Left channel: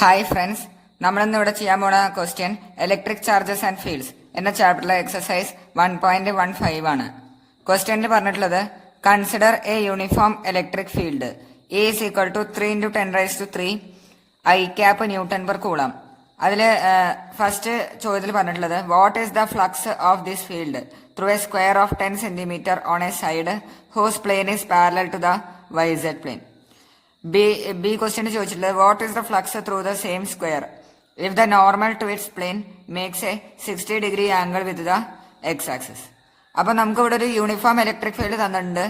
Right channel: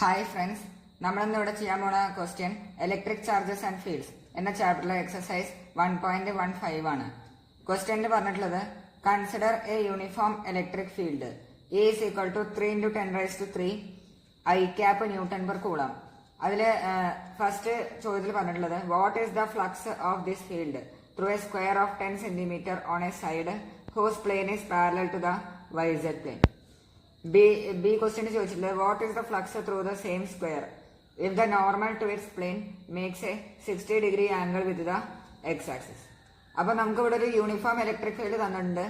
Hi friends, നമ്മളിന്ന് ഇവിടെ ചെയ്യാൻ പോണ question electric charges and fields എന്ന ചാപ്റ്ററിലെ എക്സസൈസ് 1.15 ആണ്. ക്വസ്റ്റ്യനിൽ പറഞ്ഞിട്ടുള്ളത് consider a uniform electric field E is equal to 3 × 10⁻³ i cap newton per coulomb. അതിൽ ഫസ്റ്റ് ചോദ്യത്തിൽ പറഞ്ഞിട്ടുള്ളത് what is the flux of this field through a square of 10 cm on a side whose plane is parallel to the YZ plane. B question ചോദിച്ചിട്ടുള്ളത് what is the flux through the same square if the normal to its plane makes a 60° angle with the X axis. അപ്പൊ നമുക്ക് ഇവിടെ ഒരു uniform electric field തന്നിട്ടുണ്ട്.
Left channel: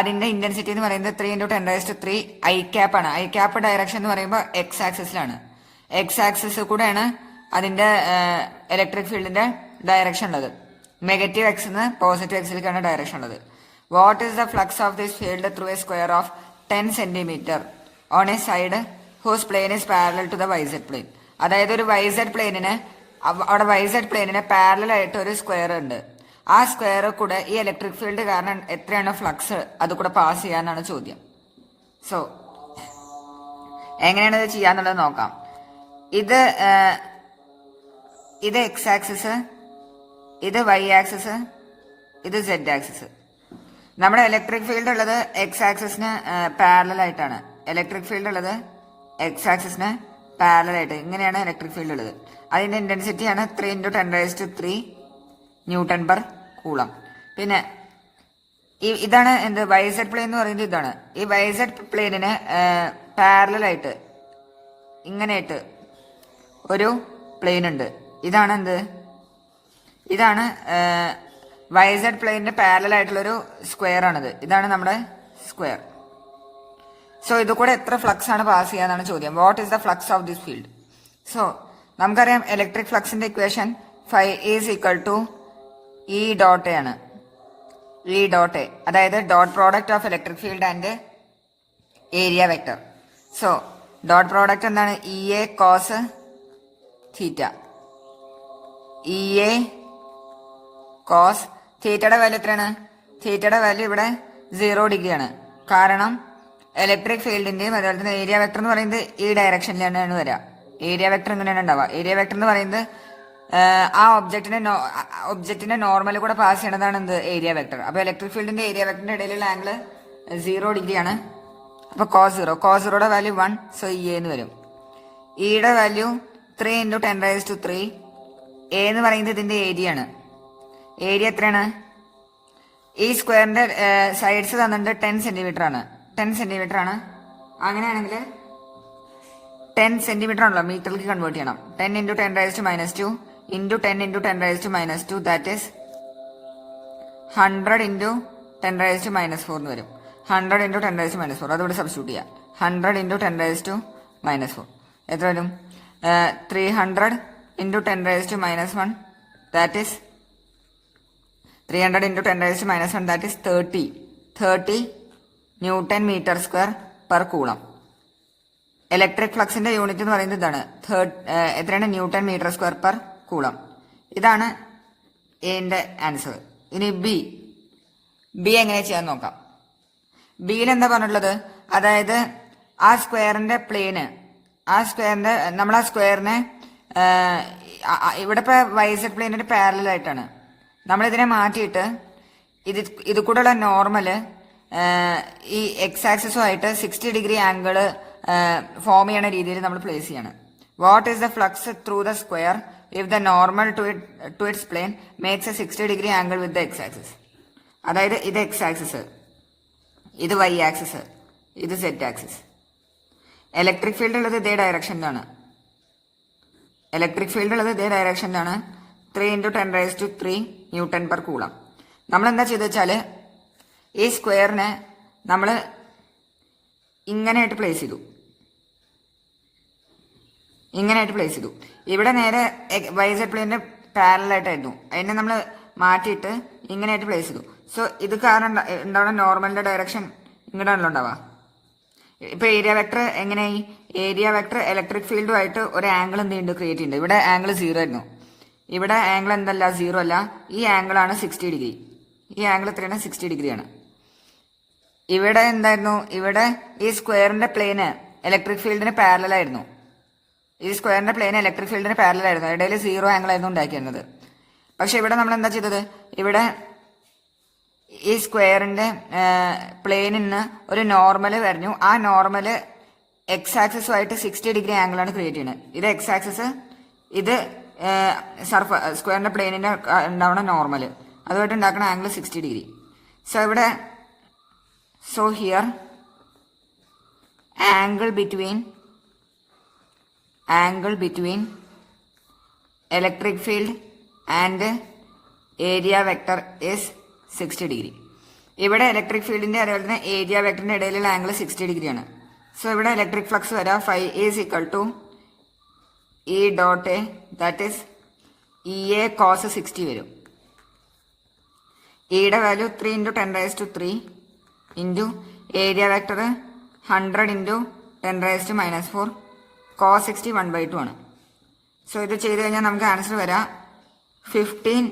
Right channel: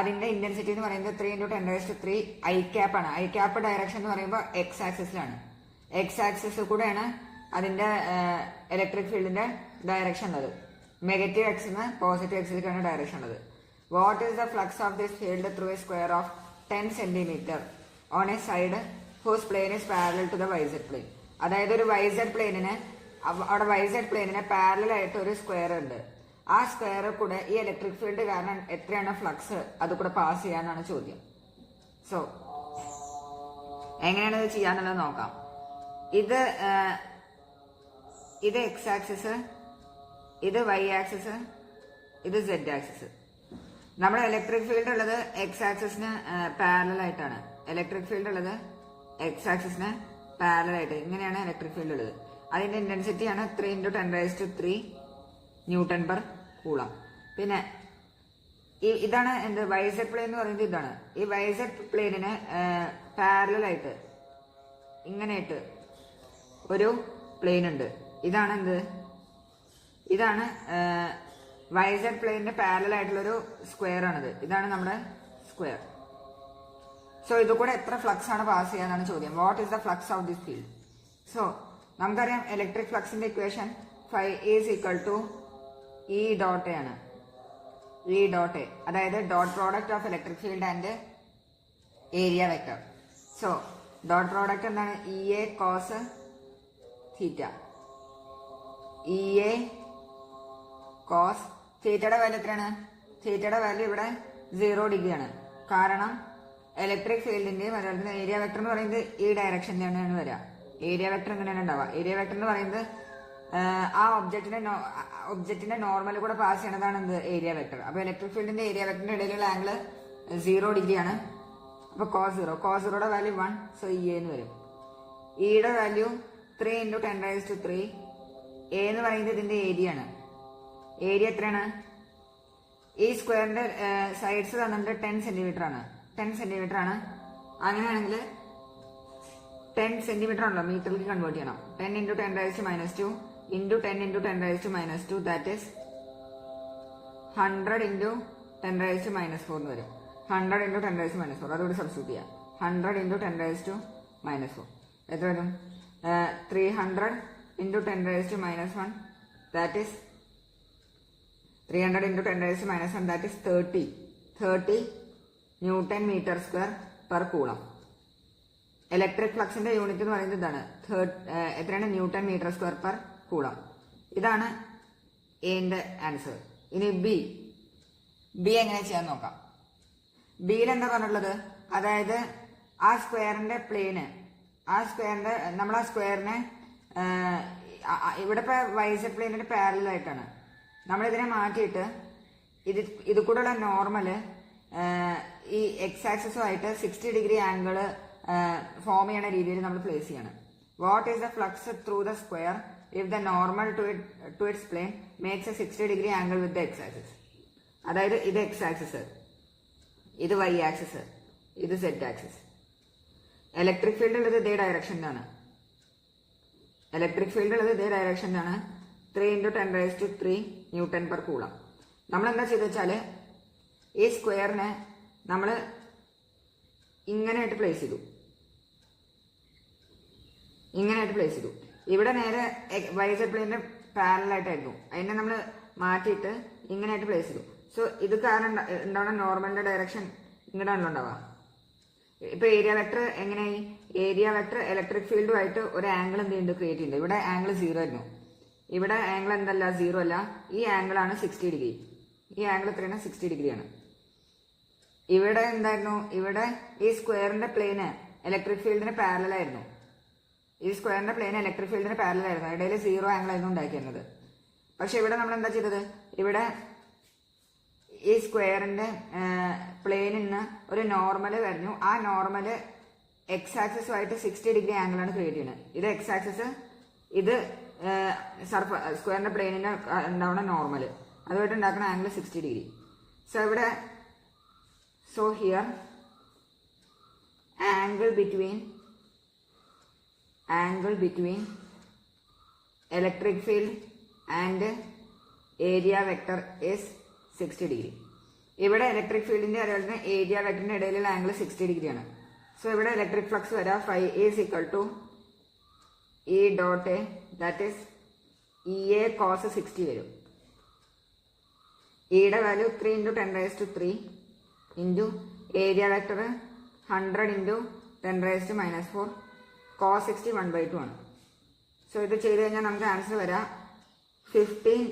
അതിന്റെ intensity എന്ന് പറയുന്നത് 3 × 10⁻³ i cap ആണ്. ഐ ക്യാപ്പ് ഡയറക്ഷൻ എന്ന് പറയുമ്പോൾ എക്സ് ആക്സിസിലാണ്. എക്സ് ആക്സിസ് കൂടെയാണ് അതിന്റെ ഇലക്ട്രിക് ഫീൽഡിന്റെ ഡയറക്ഷൻ ഉള്ളത്. നെഗറ്റീവ് എക്സ് നിന്ന് പോസിറ്റീവ് എക്സിലേക്കാണ് ഡയറക്ഷൻ ഉള്ളത്. What is the flux of this field through a square of 10 cm on a side whose plane is parallel to the YZ plane. അതായത് ഒരു YZ പ്ലെയിനിന് അവിടെ YZ പ്ലെയിനിന് പാരലൽ ആയിട്ട് ഒരു square ഉണ്ട്. ആ സ്ക്വയർ കൂടെ ഈ ഇലക്ട്രിക് ഫീൽഡ് കാരണം എത്രയാണ് ഫ്ലക്സ് അത് കൂടെ പാസ് ചെയ്യാനാണ് ചോദ്യം. സോ എങ്ങനെയാണ് ഇത് ചെയ്യാന്നുള്ളത് നോക്കാം. ഇത് എക്സ് ആക്സിസ്, ഇത് Y ആക്സിസ്, ഇത് Z ആക്സിസ്. നമ്മുടെ ഇലക്ട്രിക് ഫീൽഡ് ഉള്ളത് എക്സ് ആക്സിസിന് പാരലൽ ആയിട്ടാണ്. ഇലക്ട്രിക് ഫീൽഡ് ഉള്ളത് എക്സ് ആക്സിസിന് പാരലൽ ആയിട്ട് ഇങ്ങനെയാണ് ഇലക്ട്രിക് ഫീൽഡ് ഉള്ളത്. അതിന്റെ ഇന്റൻസിറ്റി ആണ് 3 × 10⁻³ ന്യൂട്ടൺ പെർ കൂളം. പിന്നെ ഇതാണ് എന്ത് YZ പ്ലെയിൻ എന്ന് പറയുന്നത്. ഇതാണ് ഈ YZ പ്ലെയിനിന് പാരലൽ ആയിട്ട് ഇങ്ങനെയായിട്ട് ഒരു പ്ലെയിൻ ഉണ്ട്. ഇതാണ് എന്ത്, ഇതാണ് YZ പ്ലെയിനിന് പാരലൽ ആയിട്ടുള്ളൊരു സ്ക്വയർ ആണിത്. ഇതാണ് നമ്മുടെ സ്ക്വയർ. സോ ഇത് കൂടെ എത്ര ഫ്ലക്സ് ആണ് പാസ് ചെയ്യാന്നാണ് ചോദ്യം. What is the flux of this field? So നമുക്കറിയാം ഇലക്ട്രിക് ഫ്ലക്സിന്റെ equation φ is equal to E dot A ആണ്. E ഡോട്ട് എ അതായത് dot product of electric field and area vector. So dot product എന്താണ്? EA cos theta. EA cos തീറ്റയുടെ value എത്രയാണ്? തീറ്റയുടെ value ഇവിടെ 0° ആണ്. കാരണം ഇലക്ട്രിക് ഫീൽഡിന്റെയും അതുപോലെ തന്നെ ഏരിയ വെക്ടർ എന്ന് പറയുന്നത് ഈ ഡയറക്ഷനിലാണ് വരിക. ഏരിയ വെക്ടർ ഇങ്ങനെയാണ് ഉണ്ടാവുക. ഏരിയ വെക്ടർ എന്ന് പറയുന്നത് ആ ഒബ്ജക്റ്റിന്റെ നോർമൽ കൂടെ പാസ് ചെയ്യണതാണ് എന്ത് ഏരിയ വെക്ടർ. അപ്പൊ ഇലക്ട്രിക് ഫീൽഡിന്റെ ഏരിയ വെക്ടറിന്റെ ഇടയിലുള്ള ആംഗിൾ 0° ആണ്. അപ്പൊ cos 0യുടെ വാല്യൂ 1. സോ EA എന്ന് വരും. ഇയുടെ വാല്യൂ 3 × 10⁻³ എ എന്ന് പറയുന്നത് ഇതിന്റെ ഏരിയ ആണ്. ഏരിയ എത്രയാണ്? ഈ സ്ക്വയറിന്റെ സൈഡ്സ് തന്നിട്ട് 10 cm ആണ്. 10 cm ആണ്. അങ്ങനെയാണെങ്കിൽ 10 cm ആണല്ലോ മീറ്ററിലേക്ക് കൺവേർട്ട് ചെയ്യണം. 10 × 10⁻² × 10 × 10⁻², ദാറ്റ് ഈസ് 100 × 10⁻⁻4 എന്ന് വരും. 100 × 10⁻⁻4 അതുകൂടെ സബ്സ്റ്റിറ്റ്യൂട്ട് ചെയ്യാം. 100 × 10⁻⁻4 എത്ര വരും? 300 × 10⁻⁻1, that is 300 × 10⁻⁻1, that is 30 newton metre square per coulomb. Electric ഫ്ലക്സിന്റെ യൂണിറ്റ് എന്ന് പറയുന്നത് ഇതാണ്. എത്രയാണ്? Newton metre square per coulomb. ഇതാണ് എന്റെ ആൻസർ. ഇനി ബി എങ്ങനെ ചെയ്യാൻ നോക്കാം. ബിയിൽ എന്താ പറഞ്ഞിട്ടുള്ളത്? അതായത് ആ സ്ക്വയറിന്റെ പ്ലെയിന്, നമ്മൾ ആ സ്ക്വയറിനെ ഇവിടെ ഇപ്പൊ YZ പ്ലെയിനിന്റെ പാരലൽ ആയിട്ടാണ്. നമ്മളിതിനെ മാറ്റിയിട്ട് ഇത് കൂടെയുള്ള നോർമല് ഈ എക്സ് ആക്സിസുമായിട്ട് 60° ആംഗിൾ ഫോം ചെയ്യണ രീതിയിൽ നമ്മൾ പ്ലേസ് ചെയ്യണം. What is the flux through the square if the normal to its plane makes a 60° angle with the X axis. അതായത് ഇത് എക്സ് ആക്സിസ്, ഇത് Y ആക്സിസ്, ഇത് Z ആക്സിസ്. ഇലക്ട്രിക് ഫീൽഡ് ഉള്ളത് ഇതേ ഡയറക്ഷനിലാണ്. 3 × 10⁻³ ന്യൂട്ടൺ പെർ കൂളം. നമ്മൾ എന്താ ചെയ്ത് വെച്ചാല് ഈ സ്ക്വയറിനെ നമ്മൾ ഇങ്ങനെയായിട്ട് പ്ലേസ് ചെയ്തു. ഇവിടെ നേരെ YZ പ്ലെയിനിന്റെ പാരലൽ ആയിട്ടായിരുന്നു. അതിനെ നമ്മൾ മാറ്റിയിട്ട് ഇങ്ങനെയായിട്ട് പ്ലേസ് ചെയ്തു. സോ ഇത് കാരണം ഉണ്ടാവുന്ന നോർമലിന്റെ ഡയറക്ഷൻ ഇങ്ങനെയാണല്ലോ ഉണ്ടാവുക. ഇപ്പൊ ഏരിയ വെക്ടർ എങ്ങനെയായി? ഏരിയ വെക്ടർ ഇലക്ട്രിക് ഫീൽഡുമായിട്ട് ഒരു ആംഗിൾ എന്ത് ചെയ്യുന്നുണ്ട്? ക്രിയേറ്റ് ചെയ്യുന്നുണ്ട്. ഇവിടെ ആംഗിൾ 0 ആയിരുന്നു. ഇവിടെ ആംഗിൾ എന്തല്ല? 0 അല്ല. ഈ ആംഗിൾ ആണ് 60°. ഈ ആംഗിൾ എത്രയാണ്? 60° ആണ്. ഇവിടെ എന്തായിരുന്നു? ഇവിടെ ഈ സ്ക്വയറിന്റെ പ്ലെയിന് ഇലക്ട്രിക് ഫീൽഡിന് പാരലൽ ആയിരുന്നു. ഈ സ്ക്വയറിന്റെ പ്ലെയിൻ ഇലക്ട്രിക് ഫീൽഡിന് പാരലൽ ആയിരുന്നു, ഇടയിൽ 0 ആംഗിൾ ആയിരുന്നു ഉണ്ടാക്കിയിരുന്നത്. പക്ഷെ ഇവിടെ നമ്മൾ എന്താ ചെയ്തത്, ഇവിടെ ഈ സ്ക്വയറിന്റെ പ്ലെയിനിന് ഒരു നോർമൽ വരഞ്ഞു. ആ നോർമല് എക്സ് ആക്സിസുമായിട്ട് 60 ഡിഗ്രി ആംഗിളാണ് ക്രിയേറ്റ് ചെയ്യുന്നത്. ഇത് എക്സ് ആക്സിസ്, ഇത് സ്ക്വയറിന്റെ പ്ലെയിനിന്റെ ഉണ്ടാവുന്ന നോർമൽ, അതുമായിട്ട് ഉണ്ടാക്കുന്ന ആംഗിൾ 60 ഡിഗ്രി. സോ ഇവിടെ here angle between electric field and area vector is 60 degree. ഇവിടെ ഇലക്ട്രിക് ഫീൽഡിന്റെ അതുപോലെ തന്നെ ഏരിയ വെക്ടറിന്റെ ഇടയിലുള്ള ആംഗിൾ 60 ഡിഗ്രിയാണ്. സോ ഇവിടെ ഇലക്ട്രിക് ഫ്ലക്സ് വരാം phi is equal to E dot A, that is EA cos 60 വരും. ഇയുടെ value 3 × 10⁻³ into area vector 100 × 10⁻⁻4 cos 60 1/2 ആണ്. സോ ഇത് ചെയ്ത് കഴിഞ്ഞാൽ നമുക്ക് ആൻസർ വരാം 15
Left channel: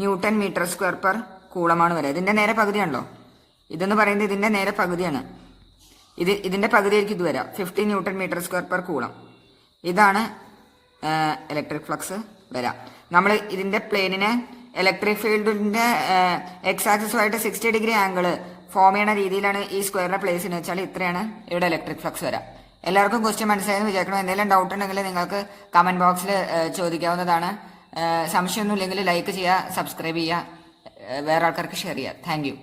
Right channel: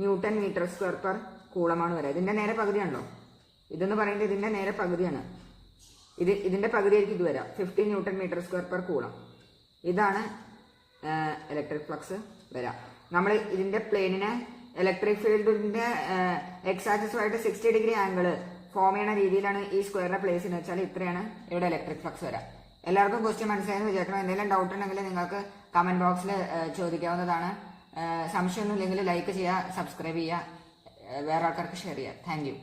ന്യൂട്ടൺ മീറ്റർ സ്ക്വയർ പെർ കൂളമാണ് വരെ. ഇതിന്റെ നേരെ പകുതിയാണല്ലോ, ഇതെന്ന് പറയുന്നത് ഇതിന്റെ നേരെ പകുതിയാണ്. ഇതിന്റെ പകുതിയായിരിക്കും ഇത് വരാം, 15 newton metre square per coulomb. ഇതാണ് ഇലക്ട്രിക് ഫ്ലക്സ് വരാം. നമ്മൾ ഇതിന്റെ പ്ലെയിനിനെ ഇലക്ട്രിക് ഫീൽഡിന്റെ എക്സ് ആക്സിസുമായിട്ട് 60 ഡിഗ്രി ആംഗിൾ ഫോം ചെയ്യുന്ന രീതിയിലാണ് ഈ സ്ക്വയറിന്റെ പ്ലേസ് എന്ന് വെച്ചാൽ ഇത്രയാണ് ഇവിടെ ഇലക്ട്രിക് ഫ്ലക്സ് വരാം. എല്ലാവർക്കും ക്വസ്റ്റ്യൻ മനസ്സിലായെന്ന് വിചാരിക്കണം. എന്തെങ്കിലും ഡൗട്ട് ഉണ്ടെങ്കിൽ നിങ്ങൾക്ക് കമന്റ് ബോക്സിൽ ചോദിക്കാവുന്നതാണ്. സംശയമൊന്നും ഇല്ലെങ്കിൽ ലൈക്ക് ചെയ്യുക, സബ്സ്ക്രൈബ് ചെയ്യുക, വേറെ ആൾക്കാർക്ക് ഷെയർ ചെയ്യുക. Thank you.